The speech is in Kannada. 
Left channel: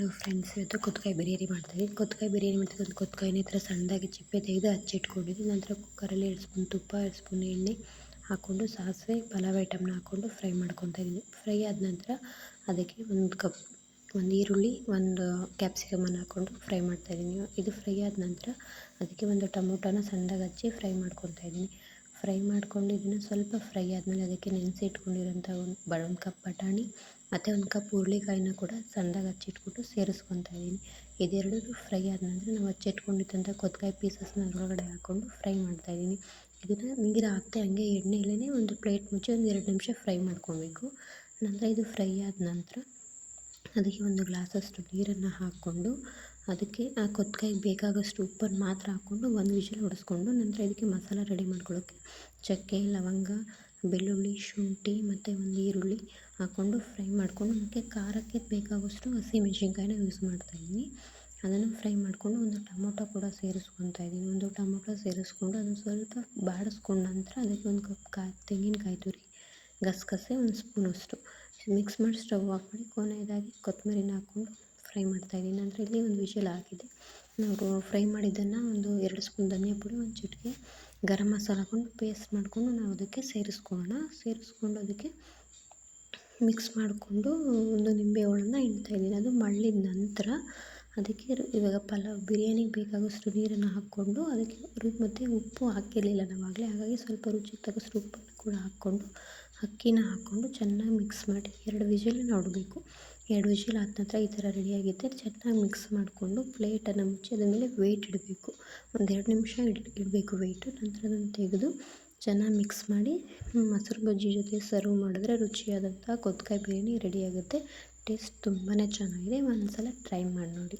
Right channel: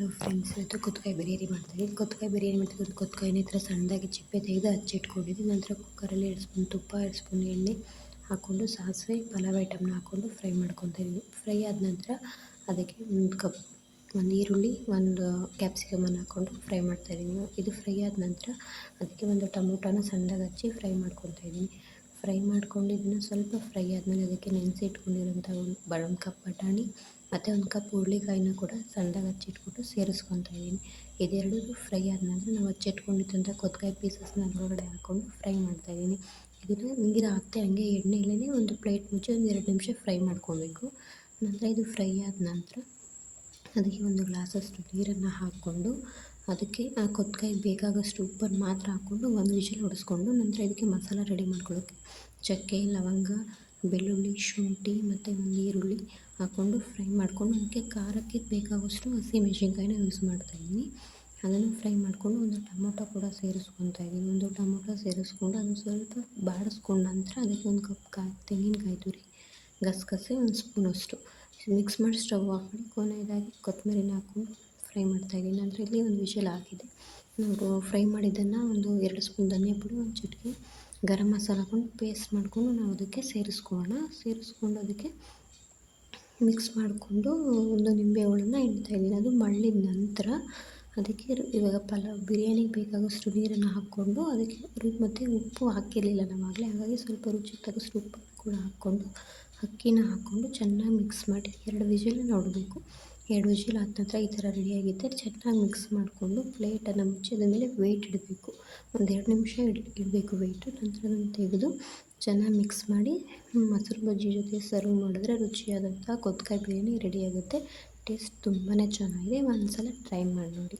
ಹಲೋ ಫ್ರೆಂಡ್ಸ್, ಇವತ್ತು ಕೊತ್ತಂಬರಿ ಬಿರಿಯಾನಿ ಮಾಡ್ತಾಯಿದ್ದೀನಿ. ಕೊತ್ತಂಬರಿ ಬಿರಿಯಾನಿ ಮಾಡ್ತಿದ್ದು ಕೊತ್ತಂಬರಿನ ಈ ಥರ ಸಣ್ಣದಾಗಿ ಚಿಪ್ಪೆ ತೆಗೆದು ಹಚ್ಚಿಟ್ಕೊಂಡಿದ್ದೀನಿ. ನಂತರ ಕುಕ್ಕರಲ್ಲಿ 2 ಸ್ಪೂನ್ ತುಪ್ಪ, 2 ಸ್ಪೂನ್ ಎಣ್ಣೆ ಹಾಕ್ಕೊಂಡು ಸಾಸಿವೆ, ಪಲಾವ್ ಐಟಮ್ನ ಹಾಕ್ಕೊಂಡು ಫ್ರೈ ಮಾಡ್ಕೊತಾ ಇದ್ದೀನಿ. ಫ್ರೈ ಆದ ನಂತರ ಅದಕ್ಕೆ 1 ಕಪ್ ಈರುಳ್ಳಿ, 1 ಕ್ಯಾಪ್ಸಿಕಮನ್ನು ಹಾಕ್ಕೊಂಡು ಫ್ರೈ ಮಾಡ್ತಾಯಿದ್ದೀನಿ. ಇದು ಫ್ರೈ ಆದ ನಂತರ ಅದಕ್ಕೆ 1 ಟೊಮೊಟೊನ ಸಣ್ಣದಾಗಿ ಹಚ್ಚಿ ಫ್ರೈ ಮಾಡ್ಕೊತಾ ಇದ್ದೀನಿ. ಫ್ರೈ ಮಾಡ್ಕೊಂಡು ಇದನ್ನು ಸ್ವಲ್ಪ ಫ್ರೈ ಆದಮೇಲೆ ಅದಕ್ಕೆ ನೆನೆಸಿ ಇಟ್ಕೊಂಡಿರೋಂಥ 1 ಕಪ್ ಬಟಾಣಿ ಮತ್ತು 1 ಕಪ್ ಹುರುಳಿಕಾಯಿನ ಕೂಡ ಸಣ್ಣದಾಗಿ ಹಚ್ಚಿಟ್ಬಿಟ್ಟು ಸೇರಿಸ್ಕೊತಾ ಇದ್ದೀನಿ. ಇದೆರಡೂ ಫ್ರೈ ಆದ ನಂತರ ನಾವು ಹಚ್ಚಿಟ್ಕೊಂಡಿದ್ದಂಥ ಕೊತ್ತಂಬರಿ ಪೀಸಸ್ನ ಅದರೊಳಗಡೆ ಹಾಕ್ಕೊಂಡು ಫ್ರೈ ಮಾಡ್ತಾಯಿದ್ದೀನಿ. ಇದನ್ನು ನೀರು ಹಾಕ್ತೆ ಹಂಗೆ ಎಣ್ಣೆಯಲ್ಲೇ ಒಂದು ಪ್ಲೇಟ್ ಮುಚ್ಚಿ 1-2 ನಿಮಿಷ ಫ್ರೈ ಮಾಡ್ಕೊಬೇಕು. ನಂತರ ಇದು ಫ್ರೈ ಆದ ನಂತರ ಅದಕ್ಕೆ 1 ಗ್ಲಾಸಷ್ಟು ನೀರನ್ನು ಹಾಕ್ಕೊಂಡು ಅದಕ್ಕೆ ಆ ಕೊತ್ತಂಬರಿಗೆ ಬೇಕಾಗೋಷ್ಟು ಉಪ್ಪನ್ನು ಮಾತ್ರ ಹಾಕ್ಕೊಂಡು 1 ವಿಷಲ್ ಹೊಡೆಸ್ಕೊಂಡು ನಂತರ ಇದಕ್ಕೆ ಮಸಾಲ ರೆಡಿ ಮಾಡ್ಕೊಳ್ಳೋಕ್ಕೆ ಚಕ್ಕೆ, ಲವಂಗ, ಬೆಳ್ಳುಳ್ಳಿ, ಶುಂಠಿ ಮತ್ತು 1 ಈರುಳ್ಳಿ ಹಾಕ್ಕೊಂಡು ಫ್ರೈ ಮಾಡ್ಕೊಂಡು ಅದಕ್ಕೆ ಖಾರಕ್ಕೆ ಬೇಕಾಗುವಷ್ಟು ಹಸಿಮೆಣಸಿನ್ಕಾಯಿನ ಯೂಸ್ ಮಾಡ್ತಾಯಿದ್ದೀನಿ. ಅದನ್ನು ಫ್ರೈ ಮಾಡಿಕೊಂಡು 1 ಟೊಮೊಟೊ ಕೂಡ ಸೇರಿಸ್ಕೊತಾ ಇದ್ದೀನಿ. 1 ಟೊಮೊಟೊ ಸೇರಿಸ್ಕೊಂಡು ಅದನ್ನು ಸ್ವಲ್ಪ ಬಾಡಿಸ್ಕೊಂಡ ನಂತರ ಅದಕ್ಕೆ 1 ಕಪ್ ತೆಂಗಿನಕಾಯಿ ತುರಿ, ಗಸಗಸೆ 1 ಸ್ಪೂನಷ್ಟು ಮಿಕ್ಸ್ ಮಾಡಿ ಸ್ಟವ್ ಆಫ್ ಮಾಡಿ ಕೊನೆಯದಾಗಿ ಕೊತ್ತಂಬರಿನ ಹಾಕ್ಕೊಂಡು ಫ್ರೈ ಮಾಡ್ತಾಯಿದ್ದೀನಿ. ನಂತರ ಇಲ್ಲಿ 1 ವಿಷಲ್ ಆಗಿದೆ. ನಾವು ಫ್ರೈ ಮಾಡಿದ್ದನ್ನು 2 ಸ್ಪೂನ್ ಧನಿಯಾ ಪುಡಿ, 1 ಚಿಟಿಕೆ ಗರಂ ಮಸಾಲ ಹಾಕ್ಕೊಂಡು ಪೇಸ್ಟ್ ಮಾಡಿಕೊಂಡು ನಾವು ಅದಕ್ಕೆ ಸೇರಿಸ್ಕೊಂಡು ಅದಕ್ಕೆ ಮಿಕ್ಸ್ ಮಾಡಿಕೊಂಡು 1 ನಿಂಬೆ ಹುಳನ್ನ ಹಿಂಡ್ತಾಯಿದ್ದೀನಿ. ಅದು ಮಳ್ಳಿದ ನಂತರ ಅದಕ್ಕೆ ಇವಾಗ ಬಿರಿಯಾನಿಗೆ ಬೇಕಾಗೋಷ್ಟು ನೀರನ್ನು ಹಾಕ್ಕೊಂಡು ಅದಕ್ಕೆ ಮತ್ತು ಉಪ್ಪು ಹಾಕಿರಲಿಲ್ಲ ನಾವಾಗಲೇ, ಹಾಗಾಗಿ ಸ್ವಲ್ಪ ರುಚಿಗೆ ತಕ್ಕಷ್ಟು ಉಪ್ಪನ್ನು ಕೂಡ ಹಾಕ್ಕೊಂಡು ಅಕ್ಕಿನ ಹಾಕ್ಕೊಂಡು ಚೆನ್ನಾಗಿ ಮಿಕ್ಸ್ ಮಾಡಿ 2 ವಿಷಲನ್ನು ಹೊಡಬೇಕು. 2 ವಿಷಲ್ ಆದ ನಂತರ ಈ ಥರ ರೆಡಿಯಾಗಿದ್ದರೆ ಚೆನ್ನಾಗಿ ಮಿಕ್ಸ್ ಮಾಡಿಕೊಂಡು ಪ್ಲೇಟನ್ನು ಮುಚ್ಚಿ ಅದ್ರ ಮೇಲೆ ವೆಯ್ಟ್ ಇಡಬೇಕು. 1-2 ನಿಮಿಷ ಇಡಬೇಕು ವೆಯ್ಟು. ನಂತರ ಅದನ್ನು ತೆಗೆದು ಚೆನ್ನಾಗಿ ಮಿಕ್ಸ್ ಮಾಡಿ ಮೊಸರು ಬಜ್ಜಿ ಜೊತೆ ಸರ್ವ್ ಮಾಡಿದ್ರೆ ರುಚಿಯಾದಂಥ ಕೊತ್ತಂಬರಿ ಬಿರಿಯಾನಿ ರೆಡಿಯಾಗುತ್ತೆ. ಟೇಸ್ಟ್ ತುಂಬಾ ಚೆನ್ನಾಗಿದೆ. ಒಂದು ಸಲ ಟ್ರೈ ಮಾಡಿ ನೋಡಿ.